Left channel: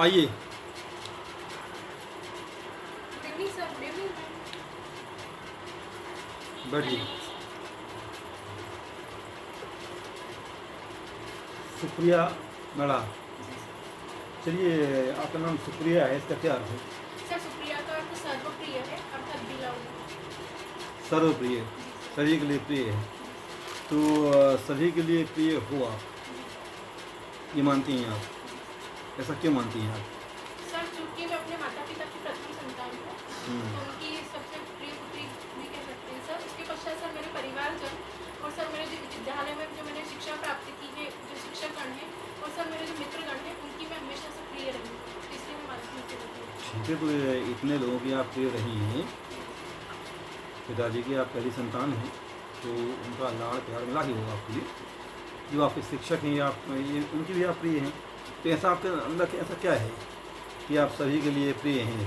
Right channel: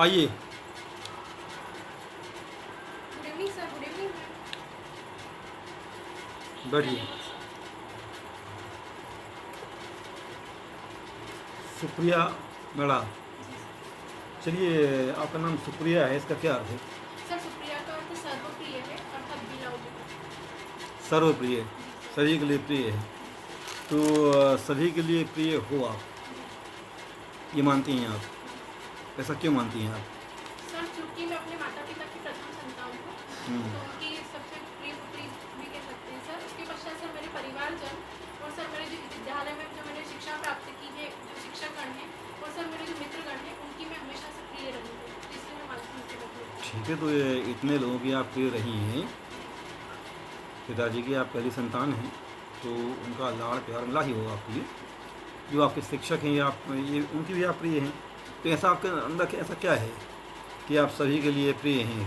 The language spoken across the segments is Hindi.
आइए। Good evening sir. Good evening. बैठिए। सुप्रिया मैडम, जी सर। चलिए, आपका नाम सुप्रिया है, इसका क्या अर्थ है? सर सुप्रिया का अर्थ सर्वप्रिय है, अर्थात बिलाउड। सर्वप्रिय, जी सर। सभी के लिए प्रिय है। जी सर। तो सभी के लिए प्रिय हो आप, जी सर। ये मानती हैं आप? जी सर। ऐसा क्यों मानती हैं आप? सर चूँकि मैं अपने माता पिता की प्रथम संतान हूँ, हम्म, तो उनकी सबसे प्रिय पुत्री भी कह सकते हैं सर। उसके पश्चात सर मेरे परिवारजन और सर मेरे जो विद्यालय में जो मैंने शिक्षा प्राप्त की है, जो शिक्षकगण हैं और सर मेरे जो मित्रगण हैं, उनकी मैं हमेशा से प्रिय रही हूँ। तो इसलिए मैं मानती हूँ कि मैं प्रिय हूँ। ठीक है। तो ये इतने लोगों की आप प्रिय रही हैं, जी सर। पिताजी की आप पहली संतान हैं, तो उनका लाड़ प्यार मिला ही होगा आपके लिए। जो आपके शिक्षक हैं, या आप ये उनकी भी आप प्रिय हैं। तो ऐसा आपके अंदर ऐसा क्या है कि आप सभी के लिए प्रिय हैं?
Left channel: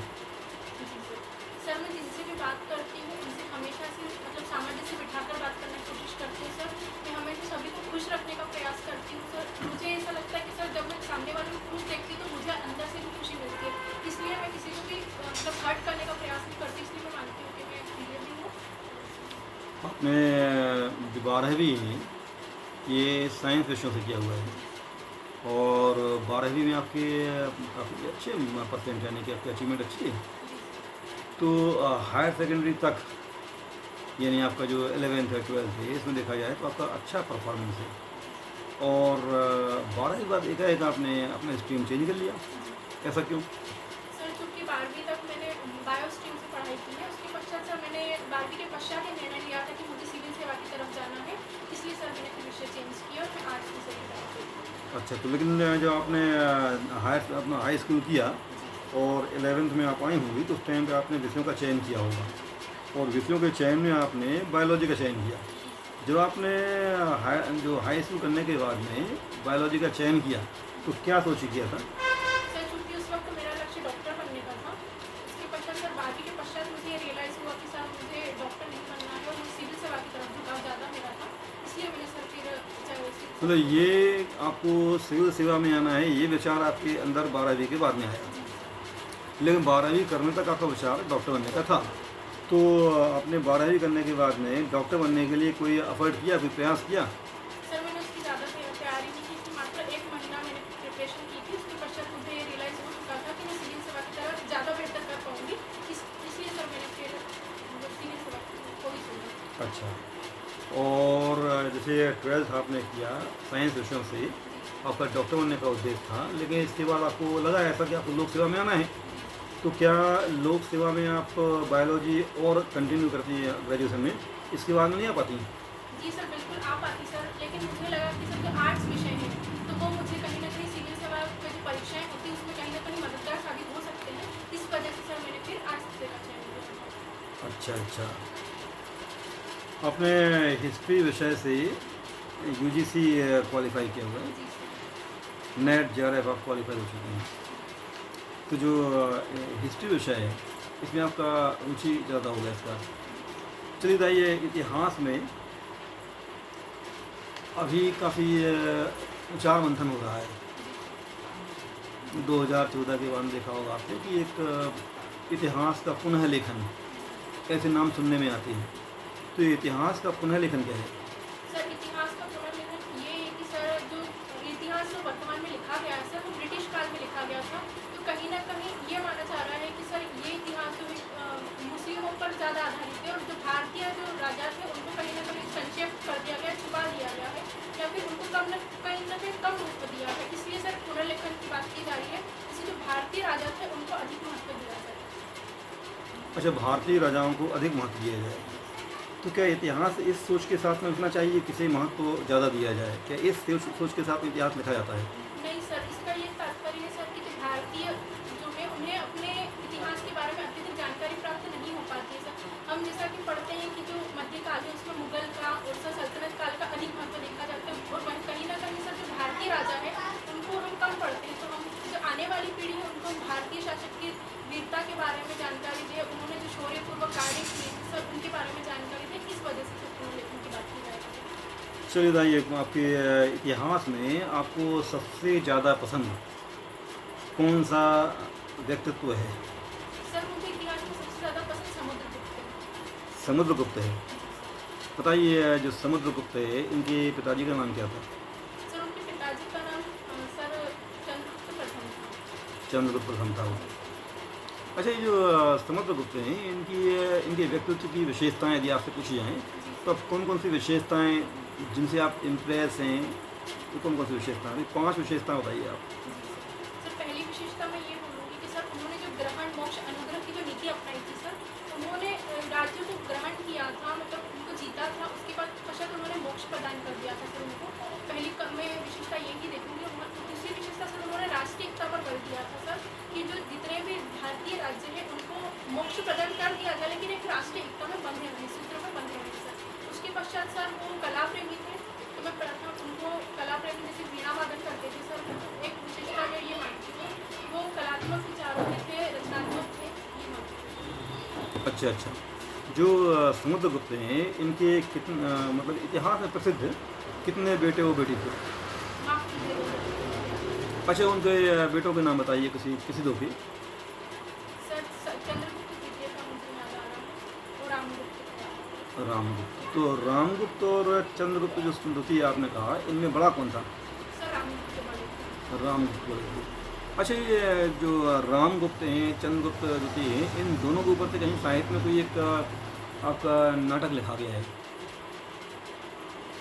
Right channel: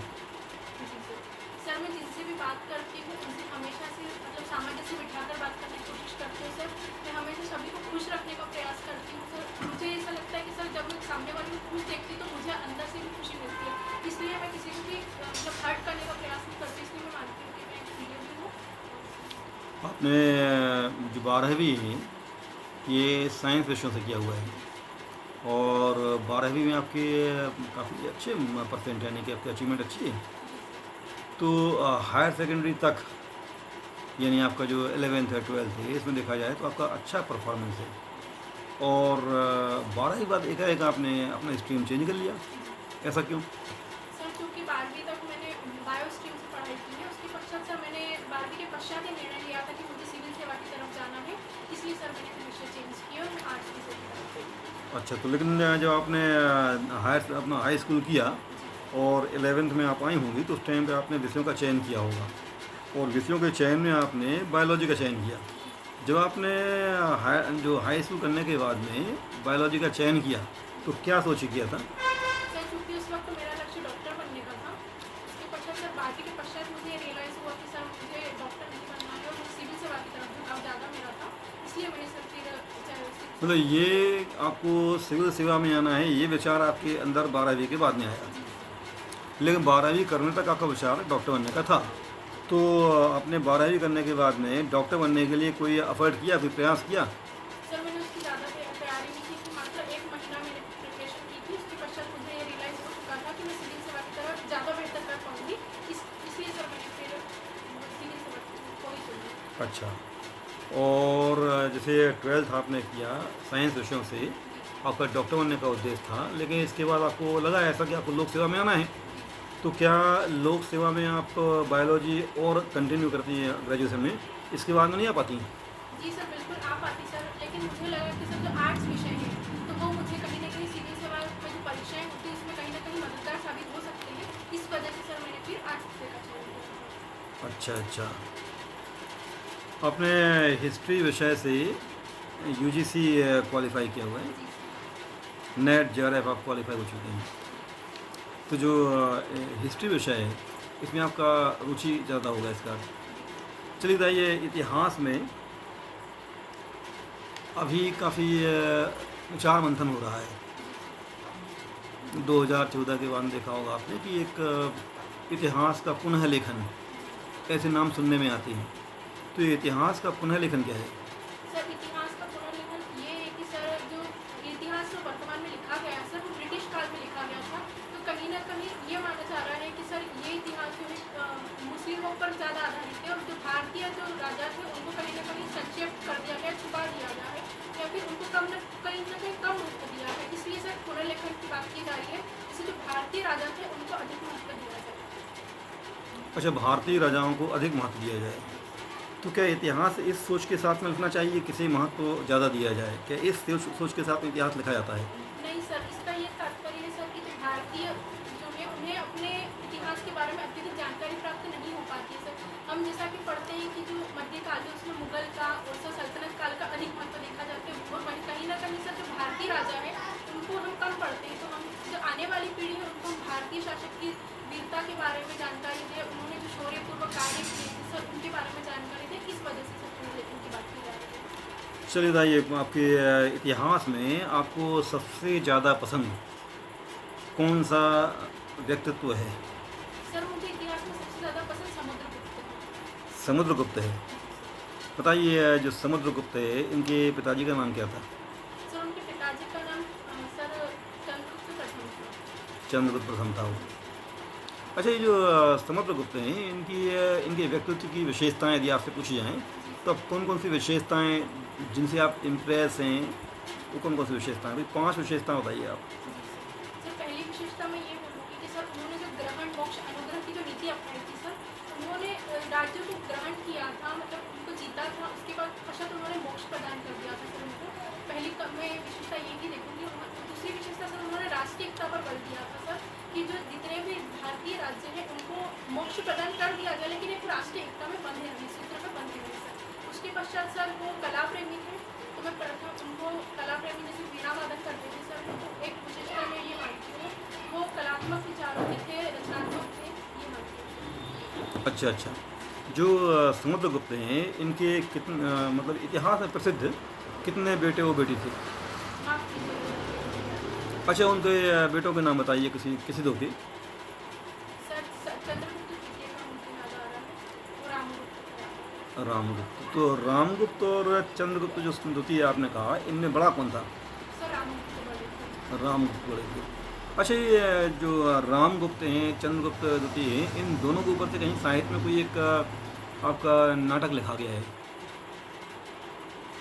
जी सर। सर मैं जिनसे भी बात करती हूँ उनसे हमेशा से मतलब सामंजस्य बिठाकर बात करने की कोशिश करती हूँ सर। मैं हमेशा सभी को खुश रखने का प्रयास करती हूँ सर। मुझे ऐसा लगता है कि सर जब मैं सामने वाले को खुश देखती हूँ तो मुझे अंदर से भी खुशी मिलती है। इसलिए मैं किसी को भी मतलब हर्ट करने का प्रयास नहीं करती। इसलिए मैं मानती हूँ कि मैं प्रिय भी हूँ। आपने जो 12वीं है, ये साइंस विषयों से किया हुआ है, जी सर। और 12वीं में आपके काफ़ी अच्छे परसेंट, यानी कि आपकी अचीवमेंट अच्छी है। जी सर। तो हायर सेकेंडरी तक, यानी आपका जो 11th है 12th है, इसमें देखा जाए तो आपका अच्छा परफॉर्मेंस है। जी सर। और 12वीं के बाद एकाएक आपने अपना स्ट्रीम चेंज कर लिया, जी। ऐसा क्यों? सर चूँकि 12वीं तक मैंने बायो स्ट्रीम से पढ़ाई की है, उसके पश्चात सर मैंने 12वीं के पश्चात ये निर्णय लिया था कि मुझे सिविल सेवा की तरफ जाना है। इसलिए सर मैंने अपना विषय चेंज किया और मैं आर्ट्स में सेलेक्ट हो गई। अच्छा, तो लेकिन जब आपने हायर अपना हाई स्कूल किया जी सर। और 11th में आप आई होंगी, तो उस टाइम पे आपने विषयों का चयन किया होगा, और विषयों के चयन में आपने बायोलॉजी का चयन किया। जी सर। जब आपने जो हाई स्कूल करने के बाद में बायोलॉजी का चयन किया, तो जी। क्या सोच किया था? सर चूँकि उस वक्त मेरा लक्ष्य डॉक्टर बनने का था। उसके पश्चात सर 12वीं के पश्चात मुझे ये रियलाइज़ हुआ कि सर मुझे डॉक्टर नहीं बनना है और मुझे सिविल सेवा की तरफ झुकाव ज़्यादा मेरा था। इसलिए मैंने सर फिर सिविल मतलब सेवा की तरफ। ये आपको सिविल सेवा में आना है, ये विचार आपके अंदर 12वीं के बाद में आया, जी सर। लेकिन 12वीं करने तक आपका विचार डॉक्टर बनने का था। तो आपने 12वीं करने के बाद में डॉक्टर बनने के लिए कोई एफर्ट किया, कोई प्रयास किया? सर मैंने उसकी ज़्यादा तैयारी नहीं की थी। मात्र 1 महीना मैंने प्रिपरेशन की थी। उसके पश्चात मुझे ये रियलाइज़ हो चुका था कि मैं सिविल सेवा की तरफ ज़्यादा बेहतर कर पाऊँगी। इसलिए सर मैंने फिर सिविल सेवा को ही चुना। अच्छा। और जैसे 12th आपने किया साइंस विषयों से, जी सर। आपका डॉक्टर बनने का उद्देश्य था, लेकिन इसके बाद आपको लगा ऐसा कि आपको लोक सेवा में आना है। जी सर। तो क्या लोक सेवा में आप बायोलॉजी और कंटिन्यू करती हैं ग्रेजुएशन में, इसके बाद में नहीं आ पाती हैं? जी सर, बिल्कुल आ पाती सर, लेकिन मुझे लगा कि सर जो आर्ट्स विषय है तो वो मुझे कहीं न कहीं सिविल सेवा में जो परीक्षाएँ होती हैं उसमें कहीं न कहीं मददगार साबित हो सकते हैं। इस वजह से सर मैंने फिर आर्ट्स विषय का चयन किया। अच्छा अच्छा। आपने हिस्ट्री विषय से यूजीसी क्वालिफाई किया हुआ है, जी सर। नेट जेआरएफ आप क्वालिफाई हो चुके हैं। जी सर। तो जो हिस्ट्री विषय है, इसमें आपका रुचि ज़्यादा होगा इसका। जी सर। चलिए बताइए, इतिहास में अभी काफ़ी विचार मंथन हो रहा है। जी सर। 2014 के बाद में देखा होगा आपने कि एक इतिहास का पुनः लेखन, जी सर। ऐसे नाम सुनने में आते हैं। तो ये इतिहास का पुनः लेखन क्या है? सर इतिहास का पुनर्लेखन ये है कि सर जो इतिहास जो वर्तमान में लिखा गया है सर वो ब्रिटिश काल में लिखा गया था। तो कहीं न कहीं ये माना जा रहा है कि सर ये इतिहास जो है मुस्लिमों पर ज़्यादा आधारित है और जो भारतीय जो राजा थे उनको कहीं न कहीं संक्षेप कर दिया गया, छुपा दिया गया है या फिर उनको कहीं न कहीं कम महत्व दिया है। इसलिए सर पुनर्लेखन की बात की जा रही है। जैसे जो भारतीय राजा थे उनको अधिक महत्व दिया जाए। अच्छा, भारतीय राजाओं को अधिक महत्व दिया जाए। जी सर। तो क्या इतिहास इस सोच के साथ में लिखना चाहिए, किसी महत्व को ज़्यादा दिया जाए? क्या इस सोच के साथ में इतिहास लिखा जाता है? नहीं सर, इसका ये तात्पर्य है सर कि जो भारतीय जो है उन्हें अपने इतिहास के बारे में अत्यधिक जानकारी प्राप्त नहीं हो पाती है सर। हम जैसा कि पढ़ते हैं कि जो मध्यकाल है उसमें मुगल का और सर सल्तनत काल का अधिक महत्व देखा जाता है और वहीं कहीं न कहीं सर जो भारतीय राजा है उनको हम कम पढ़ते हैं। तो हम जो आने वाली पीढ़ी है उनको हम भारतीय शासक की वीरता के बारे में जानकारी दें, उन्होंने जो शौर्यपूर्वक कार्य किए थे सर उनके बारे में जानकारी दें। इस वजह से सर पुनर्लेखन की बात की जा रही है। चलिए बताइए, आपके इतिहास में आपको सबसे ज़्यादा पसंद कौन सा व्यक्तित्व है? सर मुझे इतिहास में सबसे ज़्यादा पसंद समुद्रगुप्त है। समुद्रगुप्त है। बताइए, जो समुद्रगुप्त है इनके पिताजी का नाम क्या था? सर उनके पिताजी का नाम सर चंद्रगुप्त प्रथम था। चंद्रगुप्त प्रथम था वो। अच्छा, ये जो समुद्रगुप्त हैं इनके व्यक्तित्व की विशेषताएं यदि आपसे पूछी जाएँ तो अब कौन कौन सी विशेषताएं जिनसे आप इम्प्रेस हैं, वो कौन कौन सी विशेषताएं? अभी 5 विशेषताएं बताइए आप। सर पहली विशेषता मैं ये बोलूँगी कि सर उन्होंने जो ग्रहण मोक्ष अनुग्रह की जो नीति अपनाई थी सर, उन्होंने राज्यों को ग्रहण किया था, मतलब उनको जीता था, उसके बाद पश्चात उन्होंने मोक्ष प्रदान कर दिया था सर उनको। पहली मैं विशेषता यही देखूँगी। दूसरी विशेषता सर उन्होंने राष्ट्रीय एकता पर बल दिया था सर, कि जो जितने भी भारतीय राज्य हैं उनको मोक्ष प्रदान कर दिया गया, लेकिन एक राष्ट्रीय एकता में बंधे रहे, सूत्र में बंधे रहे सर। उसके पश्चात सर वो कला प्रेमी थे, तो मैं प्रथम उनको कला प्रेमी जैसे वीणा वादन करते थे सर, तो एक विशेषता मैं ये मानती हूँ वो कलात्मक विचारों के थे, रचनात्मक थे, ये मानती हूँ। अच्छा अच्छा, जो समुद्रगुप्त हैं इनके कितने मतलब इतिहास में प्रसिद्ध कितने बेटे वो बेटी थे? माफ कीजिएगा अच्छा, उनके बेटों के नाम बताइए, किसी दो के। सर। चंद्रगुप्त द्वितीय का मुझे याद आ रहा है, और रामगुप्त का। रामगुप्त। तो रामगुप्त और चंद्रगुप्त जो द्वितीय आपने कहा, इनमें बड़ा कौन था? सर रामगुप्त बड़े थे। रामगुप्त बड़े थे। अच्छा, ये जो रामगुप्त हैं, चंद्रगुप्त द्वितीय हैं, इन दोनों के ऊपर से कहीं साहित्य में कोई एक आपका नाटक लिखा गया है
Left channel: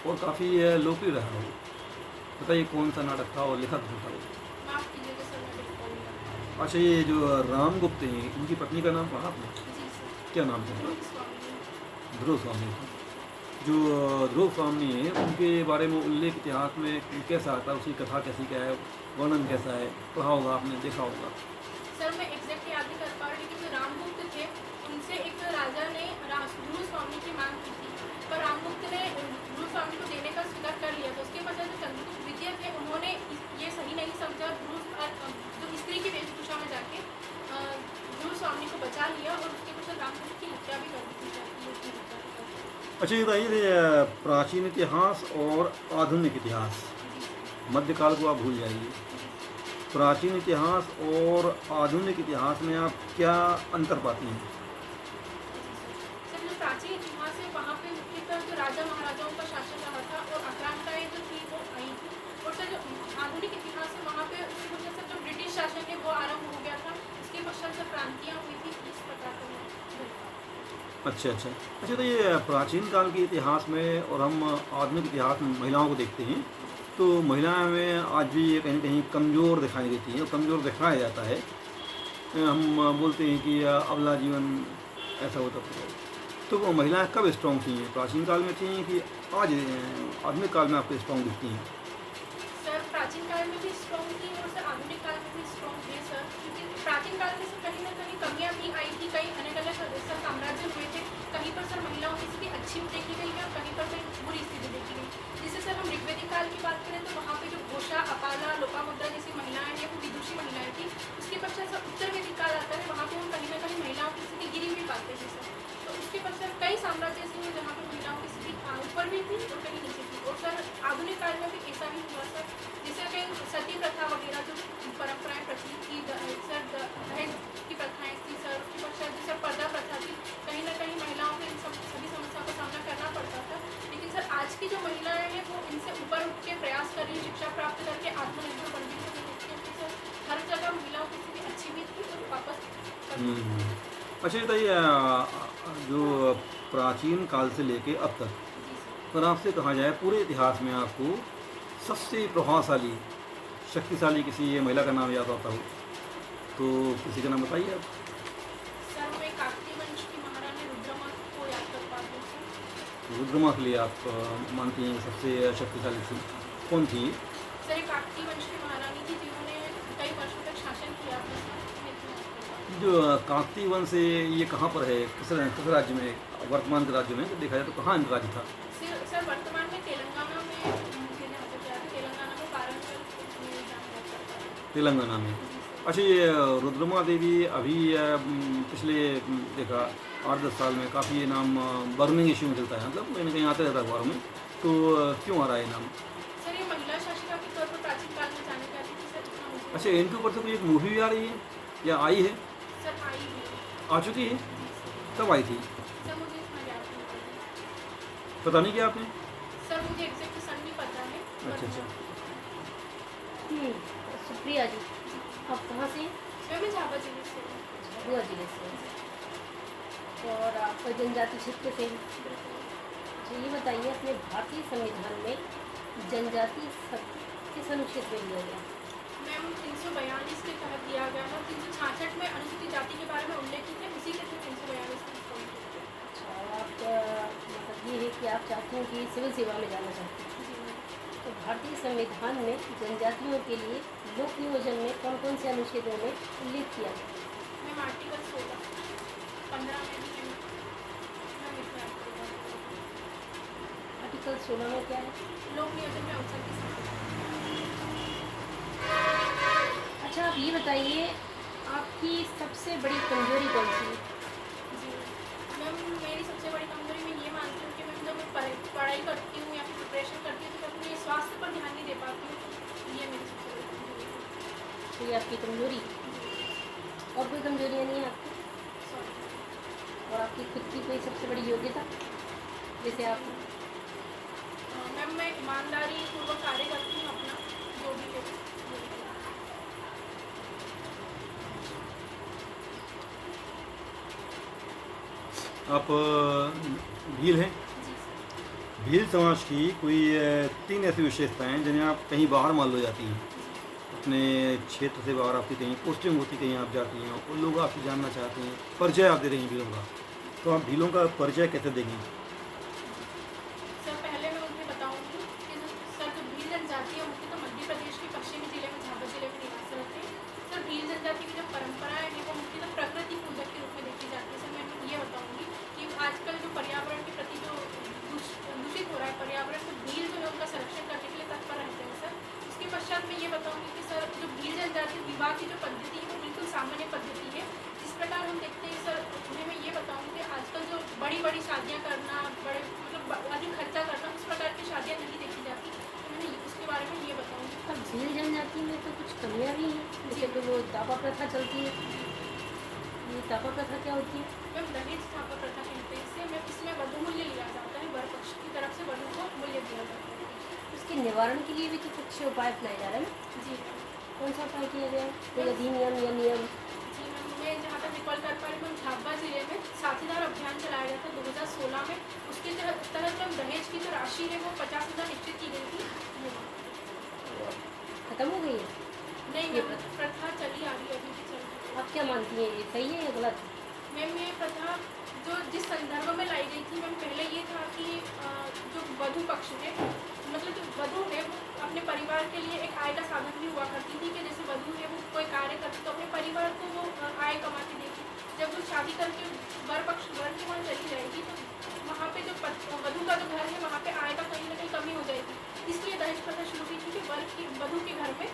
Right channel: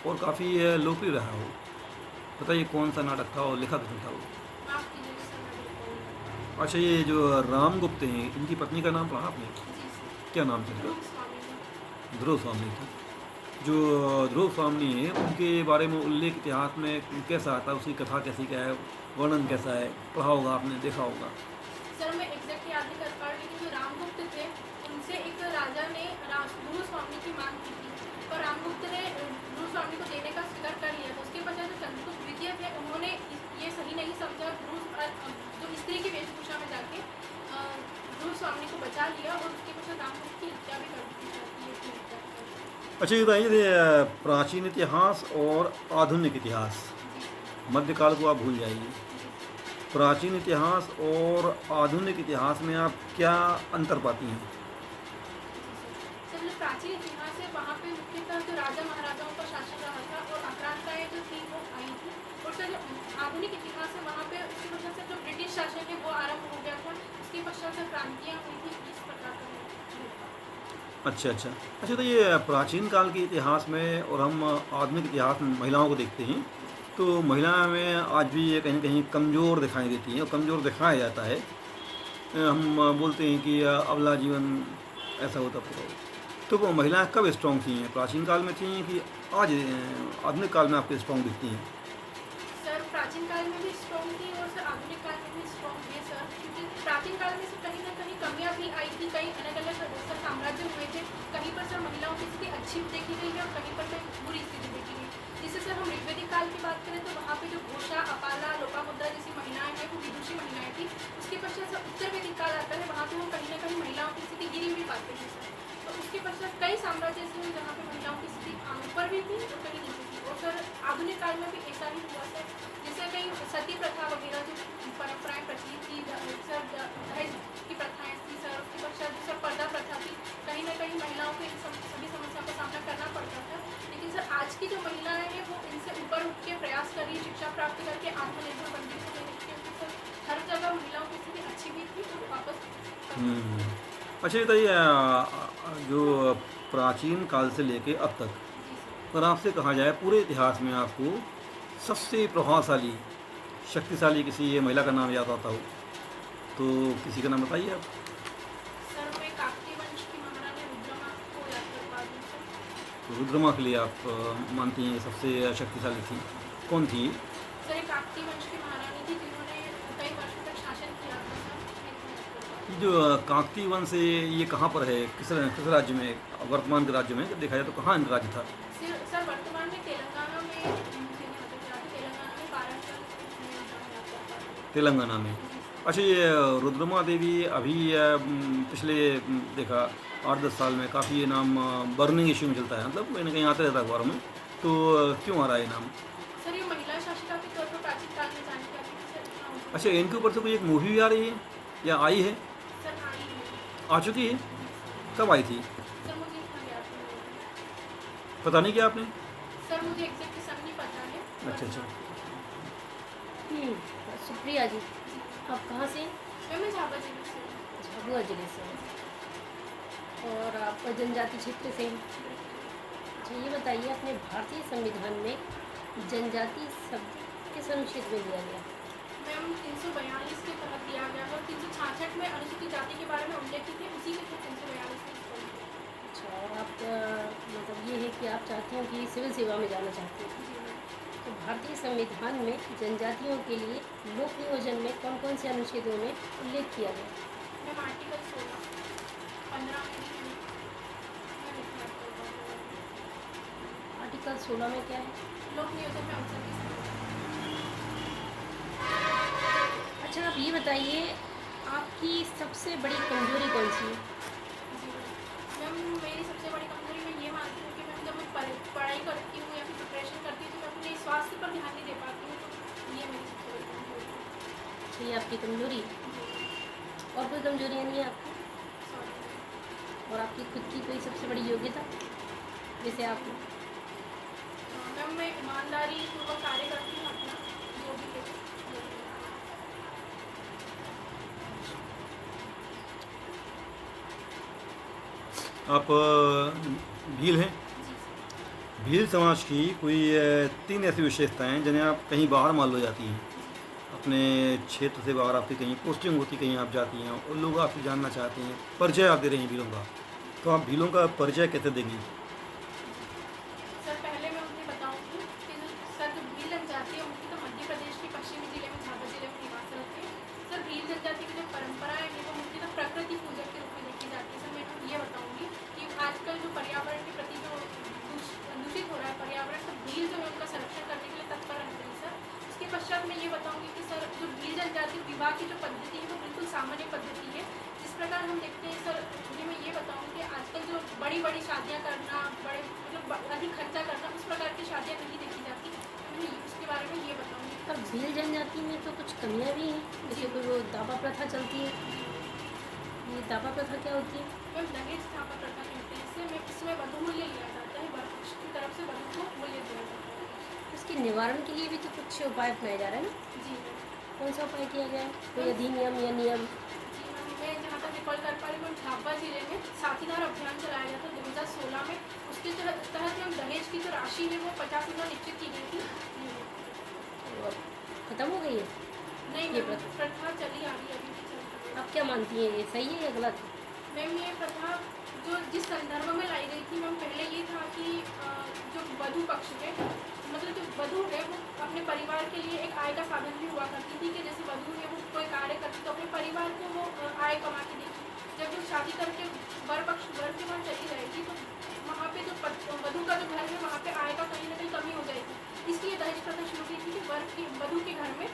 और काफ़ी लोकप्रिय रहा है वो। बताइए कौन सा नाटक था और लेखक कौन था वो? माफ कीजिएगा सर, मैं बिल्कुल नहीं बता अच्छा, ये जो रामगुप्त हैं इनकी पत्नी का नाम पढ़ा आपने? पाई। जी सर। क्या नाम था? ध्रुव स्वामी। ध्रुव स्वामी थी। जो ध्रुव स्वामी है उनके बारे में उल्लेख इतिहास में कैसा आता है? उसकी कथा कैसी क्या है, वर्णन कैसा है? पढ़ा होगा आपने, देखा होगा। सर मैं एग्जैक्ट याद नहीं कर पा रही, लेकिन जो रामगुप्त थे उनसे एक राजा ने ध्रुव स्वामी की मांग की थी, पर रामगुप्त ने ध्रुव स्वामी को देने का स्वीकार कर लिया था। उसके पश्चात जो चंद्रगुप्त द्वितीय थे उन्होंने ये सही नहीं समझा, जो स्त्री की वेशभूषा में जाके ध्रुव स्वामी को बचा लिया, और उसके पश्चात रामगुप्त की हत्या भी कर दी थी सर, ये थी हत्या कर दी। अच्छा, ये बताइए, प्राचीन इतिहास और आधुनिक इतिहास, जी सर। मध्यकाल को आप भूल जाइए। प्राचीन इतिहास और आधुनिक इतिहास में आप क्या अंतर पाती हैं? सर जो प्राचीन इतिहास है वहाँ पे मुख्यतः जो राजा महाराजाओं का शासन रहा था और आक्रांताएं जो थी वो आई थी, और सर जो आधुनिक इतिहास है वहाँ पे उसके पश्चात सर जो ब्रिटिश शासन है वो आरंभ हो गया था, उसके पश्चात सर क्रांतियाँ हुई थी, इस प्रकार से मैं बोलता हूँ। अच्छा अच्छा अच्छा, तो ये प्राचीन काल के इतिहास में और हम आधुनिक इतिहास में महिलाओं को देखते हैं, तो महिलाएं में आज भी ये कहीं कहीं कमज़ोर दिखाई देती हैं, कमज़ोर दिखाया जाता है। हम बोलते हैं कि अबला जीवन ऐसा होता है। तो वो महिलाएं कब स्ट्रॉन्ग थी? प्राचीन काल में थी कि आज आधुनिक काल में आपको स्ट्रॉन्ग दिखती हैं? सर प्राचीन काल में भी स्ट्रॉन्ग थी और सर आधुनिक काल में भी स्ट्रॉन्ग है सर, क्योंकि प्राचीन काल में सर कहीं ना कहीं कमियां भी आई थी, कई अलग अलग सर साम्राज्य हुए थे, कहीं पर सर महिलाओं की स्थिति अच्छी देखी गई है और कहीं पर कहीं बुरी स्थिति देखी गई। जैसे सर हम ऋग्वेदिक काल की बात करें तो वहाँ पे जो घोषा, अपाला, लोपामुद्रा जैसी महिलाएं हैं वो विदुषी महिलाएं थी। उसके पश्चात सर उत्तर वैदिक काल आता है, वहाँ पे हम कहीं ना कहीं महिलाओं की स्थिति गिरी हुई पाते हैं सर। तो उसके पश्चात कई साम्राज्य ऐसे हुए जहाँ पे महिलाओं की स्थिति ऊपर भी थी और कहीं नीचे थी, और सर आधुनिक काल में भी ऐसा ही हुआ सर। जैसे कहीं सती प्रथा वगैरह जो परंपराएं प्रचलित थी, सर दहेज की प्रथाएं थी सर, उसके पश्चात जो सर पर्दा प्रथा थी, कहीं ना कहीं महिलाओं को इन सभी समस्याओं का सामना करना पड़ता था। लेकिन सर आज की जो महिलाएं हैं वो इनसे ऊपर उठ के प्रयास कर रही है, शिक्षा प्राप्त करके आत्मनिर्भर बन रही है, क्योंकि सर हर जगह महिलाओं की स्थिति अच्छी भी थी और वापस अच्छा, ये बताइए, जो प्राचीन काल से लेके अब तक, जी सर। अगर आपसे कहा जाए पूरे इतिहास में आपको सबसे प्रभावशाली, शक्तिशाली किसी महिला का नाम याद आता हो तो किसी का नाम बताइए आप। सर मैं काकतीय वंश की महारानी रुद्रमा को याद कर पा रही हूँ सर। रुद्रमा के लिए आप मानती हैं सबसे शक्तिशाली थी? कौन थी? सर एक काकतीय वंश की महारानी थी जिन्होंने कई वर्षों तक शासन किया था सर, मैं इतना याद कर पा रही हूँ। जो काकतीय वंश है ये कहाँ पर है, किस राज्य में, वर्तमान के राज्य में देखा जाए तो कहाँ इनका राज्य था? सर वर्तमान में तेलंगाना में, मुझे नहीं पता क्या था, तेलंगाना में वारंगल में जाना याद कर पा रही हूँ। तेलंगाना में। जी सर। अच्छा, ये रुद्रमा देवी अभी पिछले देखा 8-10 साल में काफ़ी ये नाम बर्निंग इशू में चलता है, मतलब कहीं ना कहीं आते रहता है अखबारों में, तो क्यों आ रहा है ये नाम? सर ये महिला शासिका के तौर पर प्राचीन काल में जानी जाती थी सर, इतना मुझे अच्छा, इनके ऊपर से कोई एक मूवी भी आ रही है या आई है? सर आई है। आ चुकी है? कब आई थी? सर मुझे इतना याद नहीं है। पता नहीं क्या आपने? सर मुझे एग्जैक्ट सन नहीं पता है। अच्छा अच्छा। हम्म, सुप्रिया जी, आप कहाँ से? मैं झाबा जिले से हूँ। झाबुआ जिले से हैं। और आप जनजाति क्षेत्र से हैं। अच्छा, ये बताइए, अपने भारतीय संविधान में जनजाति शब्द किस अनुच्छेद में दिया गया? मैम 342 के तहत दिया गया है और 366 में अनुसूचित जाति के बारे में उल्लेखित है, उसी के तहत 342 का। अच्छा, आप मतलब ये है कि आप चाहती हैं कि सिविल सेवा में जाना चाहती हैं। जी मैम। तो भारतीय संविधान में जनजातियों के लिए लोक नियोजन में कौन कौन से अनुच्छेदों में उल्लेख किया गया? मैम आर्टिकल 16 15 में भी है मैम इतना आर्टिकल 16 में क्या है? लोक नियोजन में अवसर की समानता। अच्छा, आप ये बताइए, आपकी सबसे बड़ी कमजोरी कौन सी है? जी मैम, मेरी सबसे बड़ी कमजोरी मैं ये मानती हूँ कि मैम जब मैं पढ़ाई करती हूँ या फिर प्रिपरेशन करती हूँ तो मैं अपने स्वास्थ्य पर ध्यान नहीं दे पाती हूँ, तो ये मेरी सबसे बड़ी कमजोरी है। तो ये आपकी कमजोरी है। और कोई कमजोरियाँ नहीं है आपकी? सॉरी। और आपकी खुद की कोई सबसे बड़ी योग्यता जैसे आप? मैम मैं ईमानदारी पूर्वक कार्य करती हूँ अपना जो भी है। आप भील हैं? जी सर। भील समाज की कोई 3 ऐसी विशेषताएं जिन्हें आप कहीं बाहर मान लो जाती हैं, अपने क्षेत्र से बाहर आपकी कहीं पोस्टिंग होती, कहीं आप जाती हैं और लोग आपसे जानना चाहते हैं, परिचय आप दे रही हैं भीलों का, तो आप भीलों का परिचय कैसे देंगी? सर पहले मैं उन्हें बताऊंगी कि सर जो भील जनजाति है उनकी तो मध्य प्रदेश के पश्चिमी जिले में झाबुआ जिले में निवास करते हैं। सर भील जनजाति की जो परंपराएं हैं वो मुख्य तो प्रकृति पूजक के रूप में देखी जाती है। सर मैं ये बताऊंगी कि आजकल जो पर्यावरण के प्रति जो दूषित हो रहा है पर्यावरण, तो भील जो है उनका संरक्षण करने के लिए तत्पर रहते हैं सर। उसके पश्चात मैं ये बताऊंगी कि सर जो भील जनजाति विवाह की जो पद्धति है वो बिल्कुल सामान्य पद्धति है। जिस प्रकार हम देखते हैं सर, उन्हें मैं ये बताऊंगी कि आजकल जो बड़ी बड़ी शादियाँ करना, बड़े मतलब अधिक खर्चा करना, उस प्रकार की शादियाँ नहीं देखी जाती। तो मैं उसके बारे में ये बताऊंगी। पर भील जनजाति में तो कुछ कमियां भी हैं, जैसे तो वो दावा प्रथा चलती है। ये दावा प्रथा क्या होती है? मैम दहेज दावा प्रथा कहते हैं इसे। मैं इसमें वधु मूल्य लिया जाता है, वर पक्ष की तरफ से वधु को मूल्य दिया जाता है। इसके निवारण के लिए भी तो कुछ उपाय अपनाए जा रहे हैं ना? जी मैम। कौन सा उपाय किए गए हैं? कोई अधिनियम या नियम? जी मैम, मैं जहाँ तक रिकॉल कर पा रही हूँ, झाबुआ जिले में साथीदार अभियान चलाया गया था 2016 में। उसके तहत मैम दहेज की जो राशि है वो 50,000 निश्चित की गई थी। खत्म हो गई है? नहीं ये मैम, प्रथा चली आ रही है, अभी भी चल रही है। आप क्या मानती हैं, ये सही है या गलत? मैम ये प्रथा जो जिस संदर्भ में लाई गई थी मैम, पहले ये था कि जो वधु पक्ष है, मतलब जो वधु है वो अपने परिवार के लिए एक आय का साधन भी हुआ करती थी कि जैसे वधु है वो कोई कार्य करती तो अपने परिवार को वो आय कमा के देती। जब वो शादी करके वर के वहाँ चली जाएगी तो वहाँ पे जो वधु का जो घर है वहाँ पे आय का कहीं ना कहीं कमी हो जाएगी। इसलिए दहेज प्रथा शुरू की थी कि वधु के घर में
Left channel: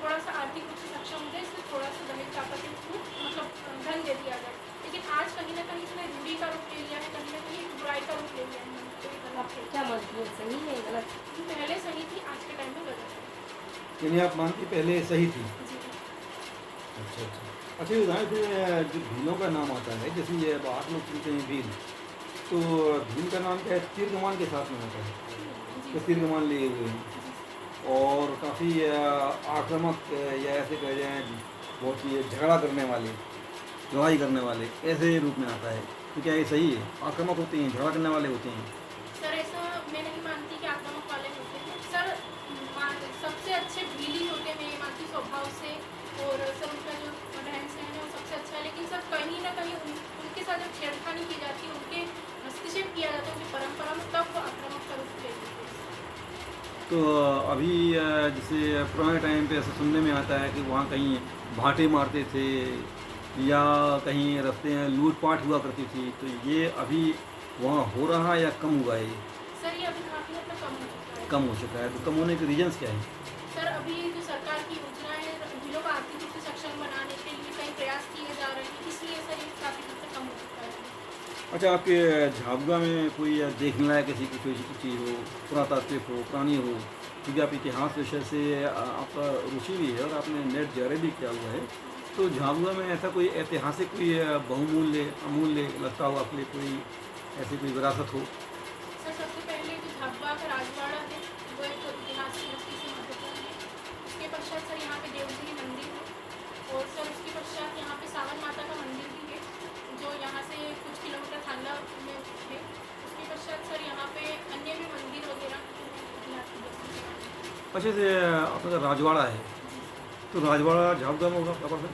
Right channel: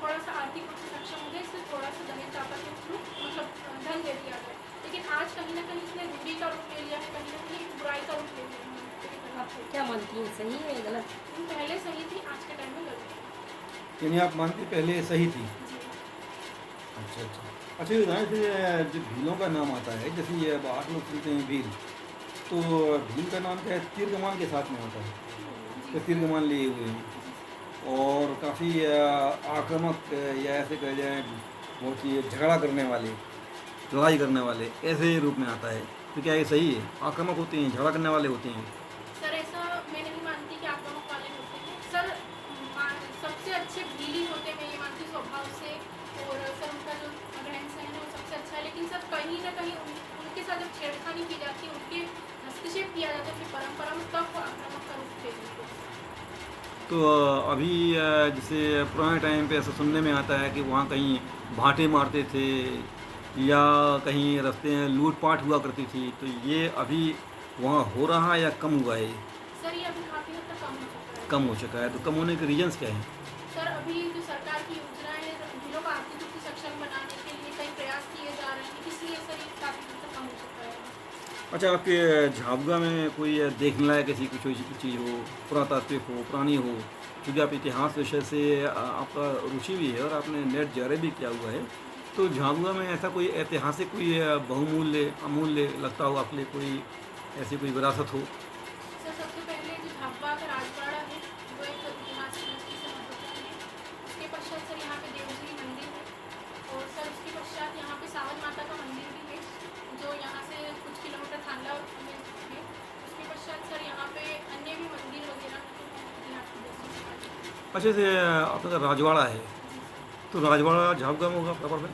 थोड़ा सा आर्थिक रूप से सक्षम हो जाए, इसलिए थोड़ा सा दहेज दापा के थ्रू मतलब धन दे दिया जाए। लेकिन आज कहीं ना कहीं इसने रूढ़ी का रूप ले लिया है, कहीं ना कहीं बुराई का रूप ले लिया है। आप क्या मानती हैं, सही है या गलत? पहले सही थी, आज के टाइम में गलत है। यानी आप मानती पहले सही थी? जी अच्छा अच्छा। अच्छा, ये बताएं फिर जो भीलों का नाम आता है, जैसे ये बाहर लोग सुनते हैं भील, तो भील का नाम क्या है? तीर कमान के साथ में होता है जी कि तीर कमान लिए हुए हैं और काफ़ी आक्रामक या ऐसे कह जाए बहुत ही झगड़ा करने वाले, लड़ाई करने वाले, ऐसे रूप में आता है। तो क्या ये सही है? आक्रामक होते हैं, झगड़ा करने वाले होते हैं? सर ऐसा मैं नहीं मानती कि आक्रामक वाले होते हैं सर। सबसे अच्छे भीली होते हैं, मैं ये मानती हूँ स्वभाव से, और सर उनका जो रहन सहन है वो सबसे अच्छा है। लेकिन सर कहीं ना कहीं उनके साथ जब छेड़खानी की जाती है, उनके हस्तक्षेप किया जाता है उनकी परंपरा में, तब वो आक्रामक का रूप ले लेते हैं। तो अभी जैसे पुराने टाइम पे ऐसा सुनने में आता है कि वहाँ कहीं भाटे मारते थे या कहीं रास्ते में लूटपाट हुआ करती थी, तो ये अभी वहाँ हो रहा है या कम हुआ है? सर ये अभी काफ़ी हद तक कम हो चुका है। कम हो चुका है। तो कम होने के रीजन्स क्या हैं? सर अभी जो सरकार की योजना है भीलों का आर्थिक रूप से सक्षम बनाने के लिए कई प्रयास किए जा रहे हैं, इसलिए सर ये काफ़ी हद तक कम हो चुका है। अच्छा, आपके झाबुआ में कोई देखने लायक ऐसी कुछ चीज़ हो, पुरातात्विक हो, पुरानी हो, क्योंकि आप इतिहास विषय से आपका रुचि भी है और आपने नेट जारी भी किया हुआ है, तो झाबुआ में ऐसा कोई ऐतिहासिक कोई बहुमूल्य अमूल्य लगता हो आपके लिए, कोई ऐसी कोई विरासत हो? सर सबसे पहले जो झाबुआ का राजवाड़ा है वो एक ऐतिहासिक दृष्टि से महत्वपूर्ण है। उसके पश्चात सर यहाँ पे देवगिरी मंदिर है, और सर उसके पश्चात यहाँ पे सावन माता का मंदिर भी है जो यहाँ से कुछ किलोमीटर थांडा में है। उसके पश्चात सर यहाँ पे अन्य भी मंदिर वगैरह जो है इतिहास की दृष्टि से। अच्छा, से अपना राजवाड़ा है, तो राजवाड़ा झाबुआ में होगा प्रॉपर में,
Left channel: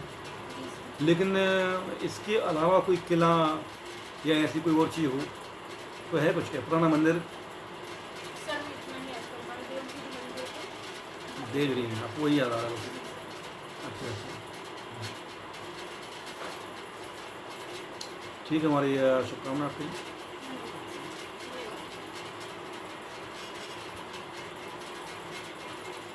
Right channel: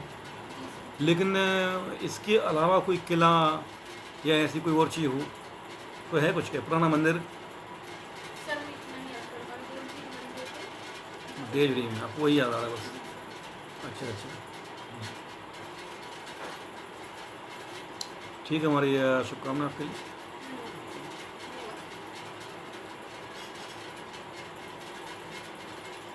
जी सर। लेकिन इसके अलावा कोई किला या ऐसी कोई और चीज़ हो तो है कुछ, क्या पुराना मंदिर? सर मैं इतना ही याद कर पा रही, देवगिरी मंदिर है। देवगिरी में आपको वही याद आ रहा है? अच्छा अच्छा, ठीक है, हमारी शुभकामना आपके लिए।